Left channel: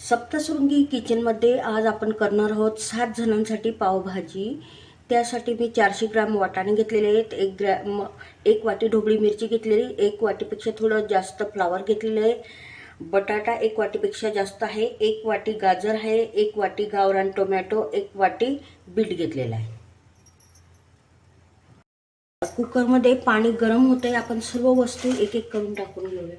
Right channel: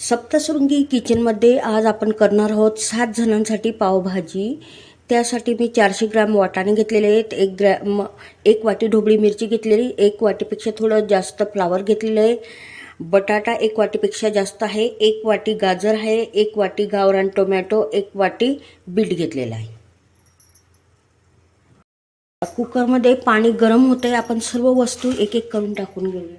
सप्तशृंगी किचनमध्ये आज आपण करणार आहोत सात जणांसाठी पावभाजी. त्यासाठी मी चारशे ग्रॅम वाटाणे घेतलेले आहेत एक ग्रॅम एक वाटी ढोबळी मिरची घेतलेली एक वाटीपेक्षा थोडं जास्त फ्लावर घेतलेलं आहे. बटाटा एक वाटीपेक्षा जास्त आहे एक वाटी गाजर आहे एक वाटी गावरान टोमॅटो एक वाटी बीट घेतलेला आहे. कुकरमध्ये पाणी गरम होतं आहे आपण सर्व वस्तू एक एक करून टाकून घेऊया.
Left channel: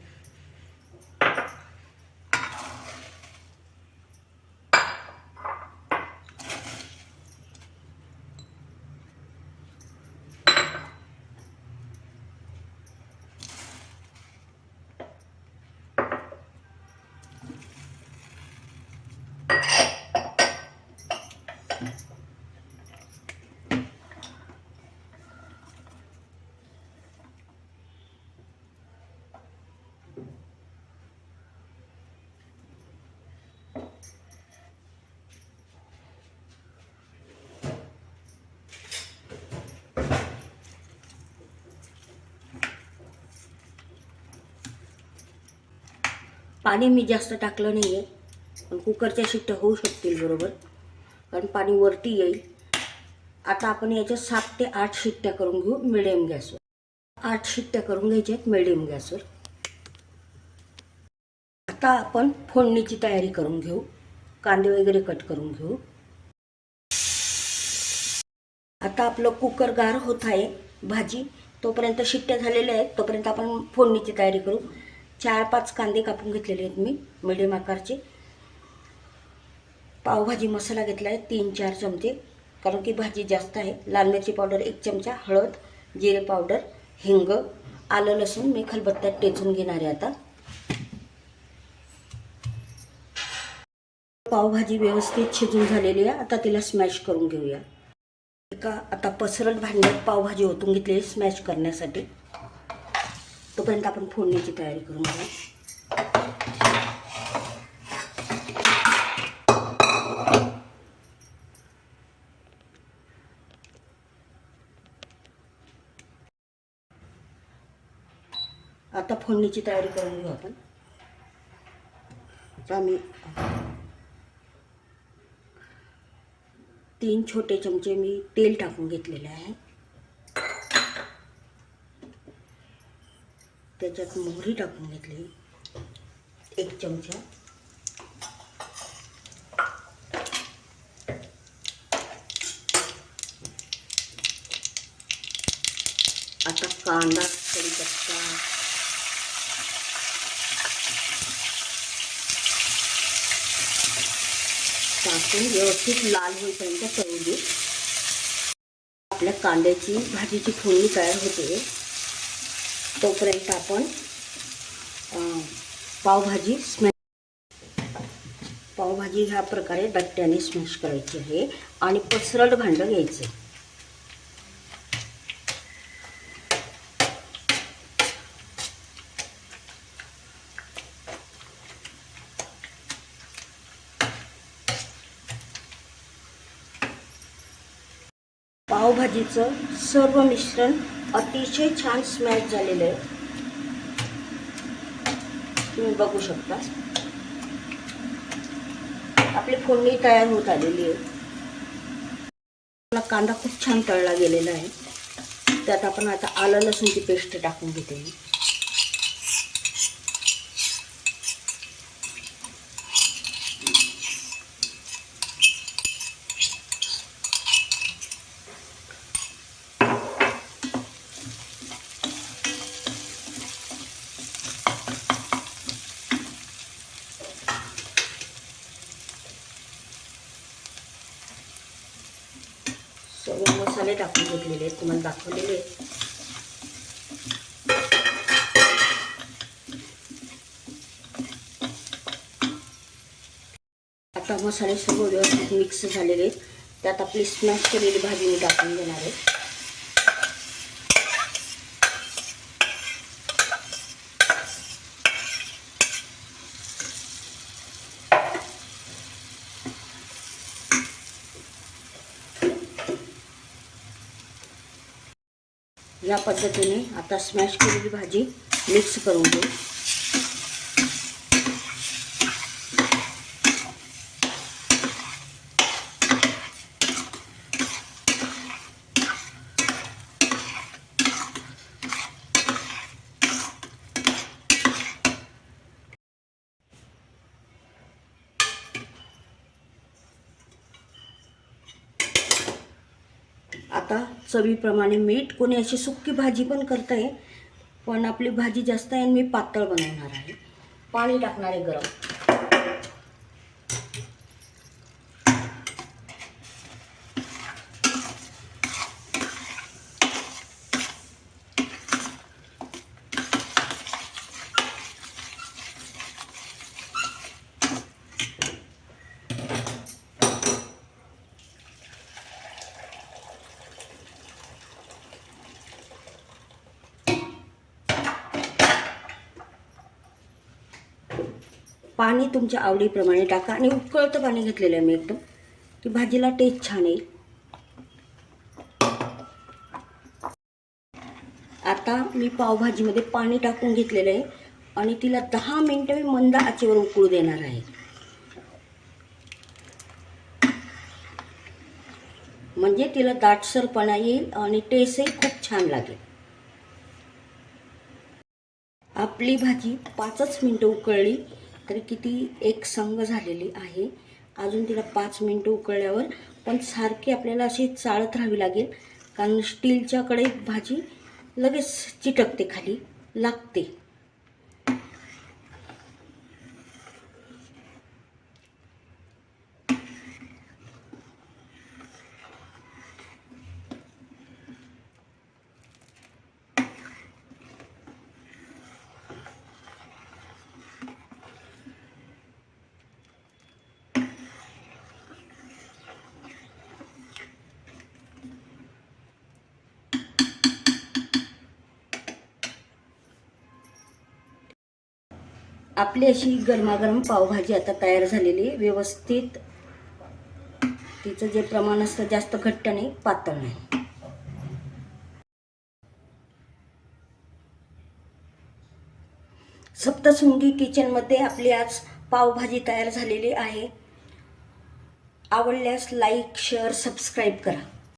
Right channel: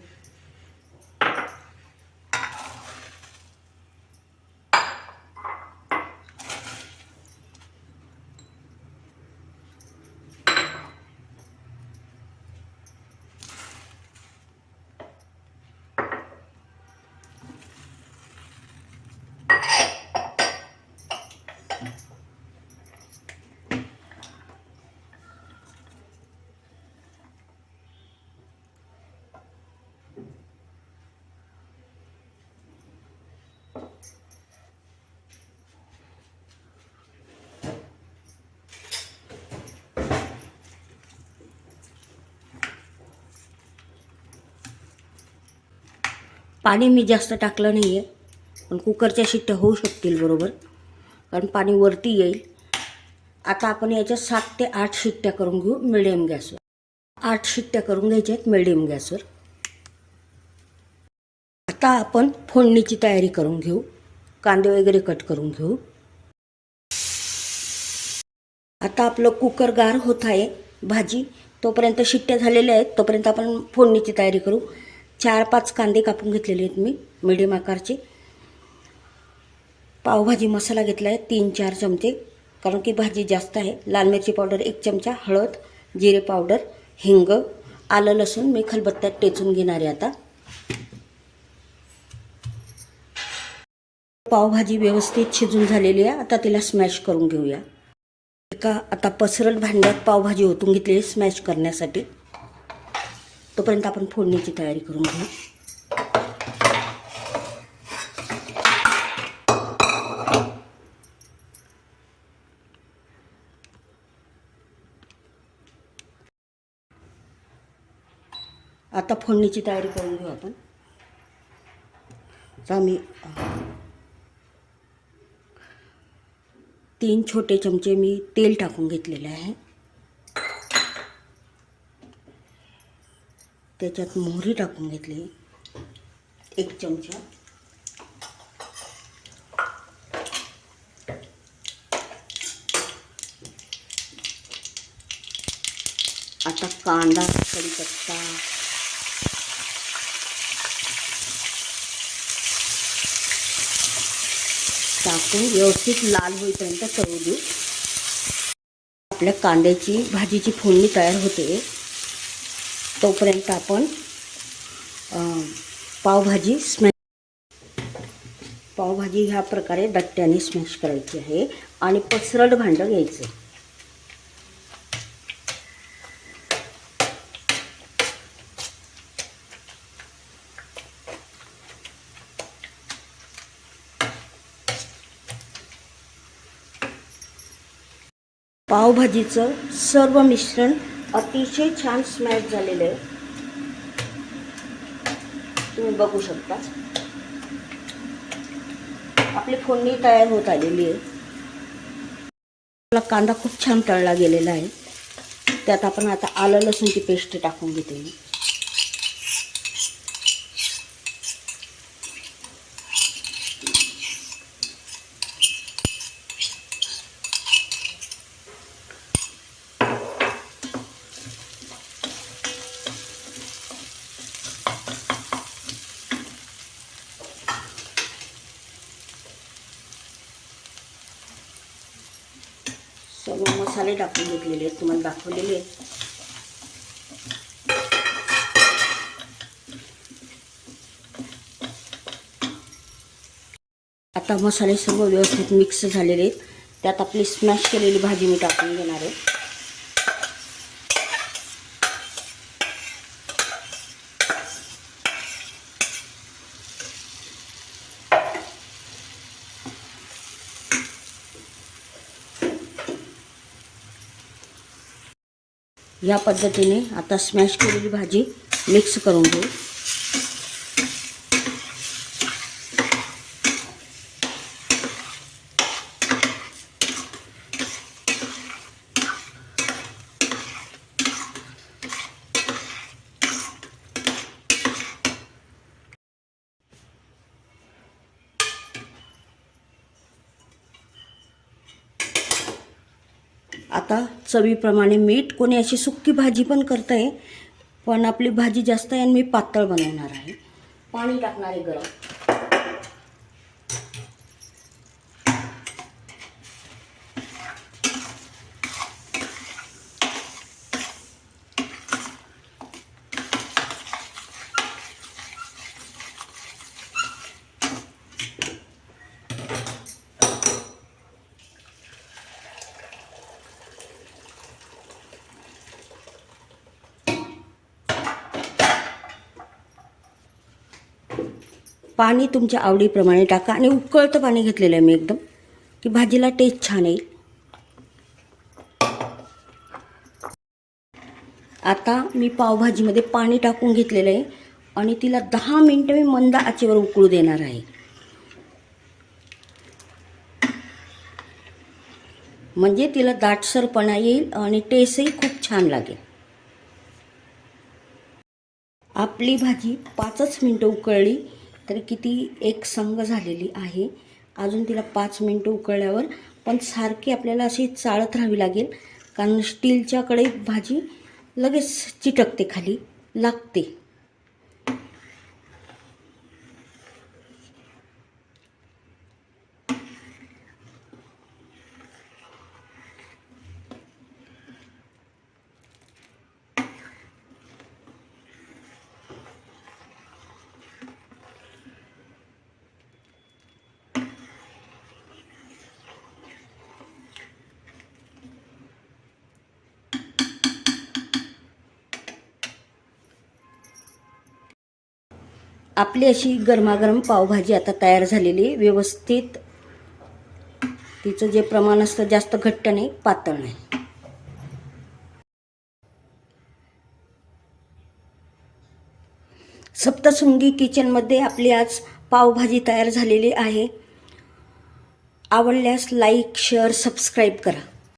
पाणी मी जास्त टाकलं नाही आहे पण कुकरच्या शिट्ट्या होऊ शकतील बरोबर. कारण पाणी वरती येईल. आता आपण याच्या सात ते आठ शिट्ट्या करून घेऊ मिडियम गॅसवर आठ शिट्ट्या करून घ्यायच्या आहेत मिडियम गॅसवर आता आपण फोडणीची तयारी करून घेऊ. कांदे वगैरे कट करून घेऊ. आता आपलं कुकर गार होत आहे. भाजी तोपर्यंत शिट्ट्या झालेल्या आहेत. तोपर्यंत आपण फोडणीची तयारी करू. चार पाच कांदे कापून घेतलेले आहेत मी मिडियम आकारचे. पावभाजी मसाला घेतला आहे तीन चार चमचे कारण की भाजी जास्त आहे. लाल मिरची पावडर एक चमचा हळद जिरे पावडर हिंग आलं लसूण मी खलबत्त्यात टेचून घेणार आहे आता. पावभाजी व्यवस्थित शिजून झालेली आहे आता तिला स्मॅश करून घेऊया. एका आता पसरट भांड्यात पावभाजी ओतून घेतली स्मॅश करण्यासाठी. तोपर्यंत आपण फोडणीची तयारी करून घेऊ. आता फोडणीची तयारी करून घेऊ आपण. तर आम्ही तीन छोटे चमचे मी तेल टाकून घेतलेले आहे. त्याच्यात मोहरी टाकून घेतली. एक चमचा. आता कांदा कढीपत्ता टाकून व्यवस्थित लाल होईपर्यंत तळू देऊ आपल्या कांद्याची भाजीची फोडणी तयार होते. तोपर्यंत आपण पावभाजी स्मॅश पावभाजी ह्या प्रकारे दट्ट्याने स्मॅश करायची आहे आणि पसरट भांडं घ्यायचं. पावभाजीचं सर्व मिश्रण अतिशय छान स्मॅश झालेलं आहे. तुम्ही बघू शकता. आपली फोडणी तयार होत आलेली आहे. आपला कांदा खूप छान तळला गेलेला आहे. त्यात आपण आता आलं लसूणची पेस्ट टाकून घेते. सर्व मसाले टाकून घेतलेले आहेत. तुम्हाला दाखवलेले आहेत. आता मसाले सर्व व्यवस्थित मिक्स झालेले आहेत. त्यात आपली स्मॅश केलेली भाजी मी टाकून घेणार आहे. या पद्धतीने आता स्मॅश केलेली भाजी मिक्स करून घेऊ. आता चवीप्रमाणे मीठ कोणी अशी सुक्की भाजी पण करत आहे पण आपली भाजी जास्त आहे आणि मी पातळ बनवणार आहे. पाणी टाकणार आहे गरम. पाणी तुमच्या आवडीप्रमाणे टाका आणि उकळतं पाणी घेतलेलं आहे मी एकदम. की भाजीला टेस्ट छान येईल. आता मी पावभाजीमध्ये पाणी टाकून घेतलेलं आहे आणि तिला दहा मिनटं मी मंद आचेवर उकळू देणार आहे. म्हणजे तिला दाटसरपणा येईल आणि टेस्टही खूप छान लागेल. आपली भाजी पाचच मिनटं उकळली. तरी किती एक संग झालेली आहे अजून तिला पाच मिनटं उकळल्यावर पण सारखी आपल्याला अशी चाळत राहावी लागेल कारण स्टीलच्या कढईत भाजी लगेच चिटकते खाली लागते. आपली अशी गरमागरम पावभाजी आता तयार झालेली आहे. व्यवस्थित तिचं जे प्रमाण असतं जास्त घट्ट नाही पातळ नाही. सप्तशृंगी किचनमध्ये आपली आज पावभाजी तयार झालेली आहे. आवडल्यास लाईक शेअर सबस्क्राईब करा.